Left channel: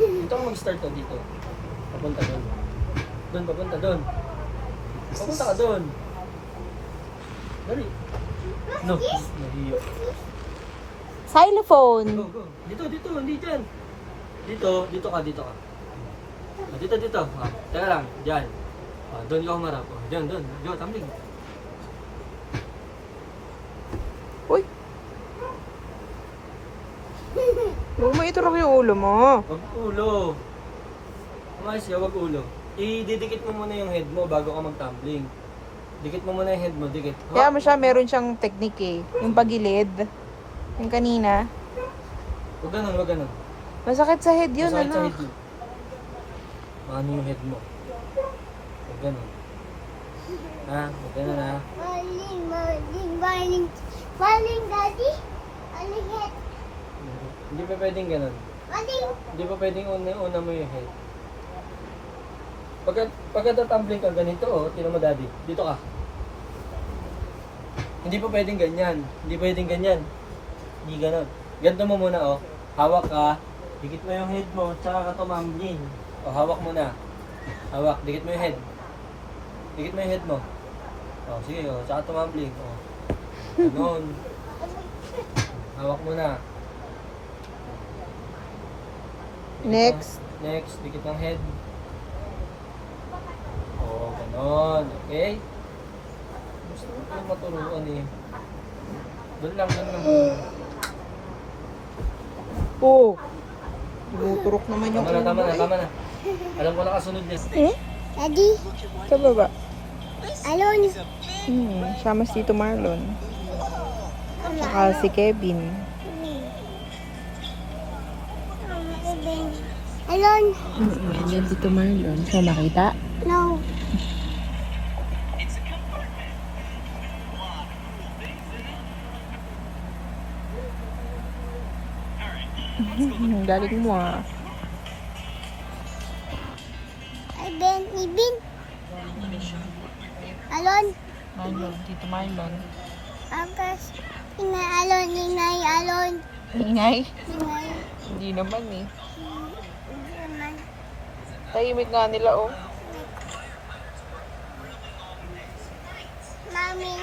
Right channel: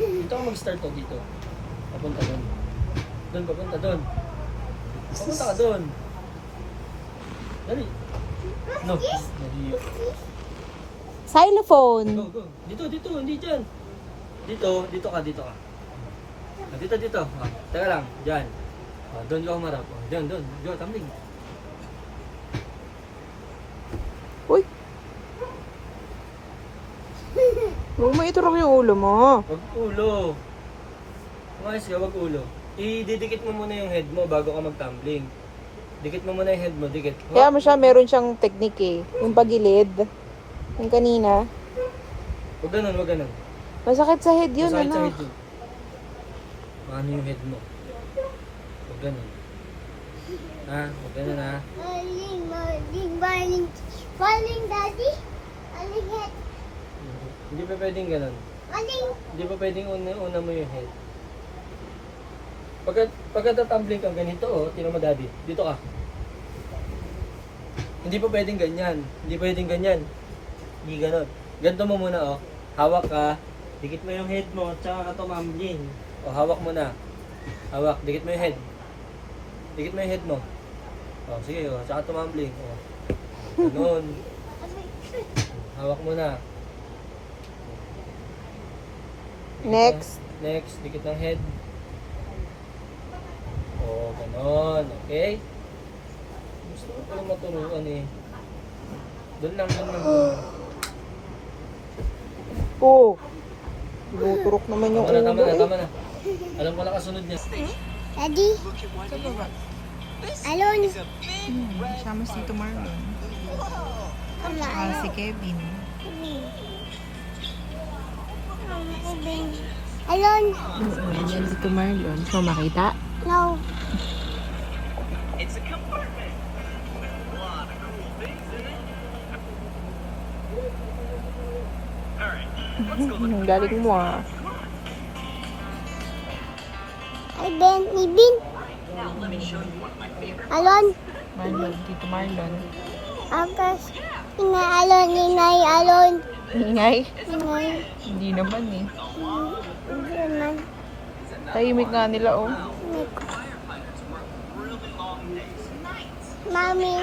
Dito ako mag-start ka dito. Papunta doon. Doon, papunta doon. Papunta ka doon. Dali. No, nahiyo. Xylophone. Go, go. Dito, dito, hindi dyan. Dito, dito ka, dito ka. Dito, dito. Teka lang, dyan. Doon ka humarap. Dyan, doon. Diyan, tumbling. Uy. Huwag mo iturok yung ulo mo. Wag ulo. Umayos ka, wag ulo. Ididikit mo muna yung head mo bago ka mag-tumbling. Dikit mo muna yung head mo, dikit. Kaya mo siya, meron siyang technique eh. Yung pagilid. Yung kanina. Wag ganun, wag ganun. Masakit sa head yun, Masakit sa ano? head mo. Ano yung head mo? Wag ganun. Ha? Wag ganun ha? Morning, Daddy. Morning, Hindi pa pwedeng ganun. morning. Hindi pa pwedeng una mo yung head. Pagka tumbling ka ganito, tinan mo daddy, dito ka. Hindi pa pwedeng ganyan. Hindi pwedeng ganyan. Hindi ganun. Ganito mo muna Hawak ka. Dikit mo yung head mo, tsaka ka tumambling. Hawak mo na. Hawak, dikit mo yung head. Dikit mo yung head mo. Sige, tsaka tumambling. Ganun. Hawak mo na. Next. Next, dikit ng head. Ganon. Okay? Gusto ko palang maturuan eh. Doon lang, doon lang. Oh. Ibuturok naman yung Tama na, tama ulo na, eh. tama na. Alam ko na kasunod din. Daddy, Sa baba. alone. Sama si Tito Marlon. Saka si Kevin. Alone. Yan si Tito Marlon. So, makita? No. Galing mo ah. Ibin. Alone. Tito Marlon. Akas. Inay alone. Ingay? Inay. Hindi naman eh. Hindi naman. Tahimik nga nila oh. Mami.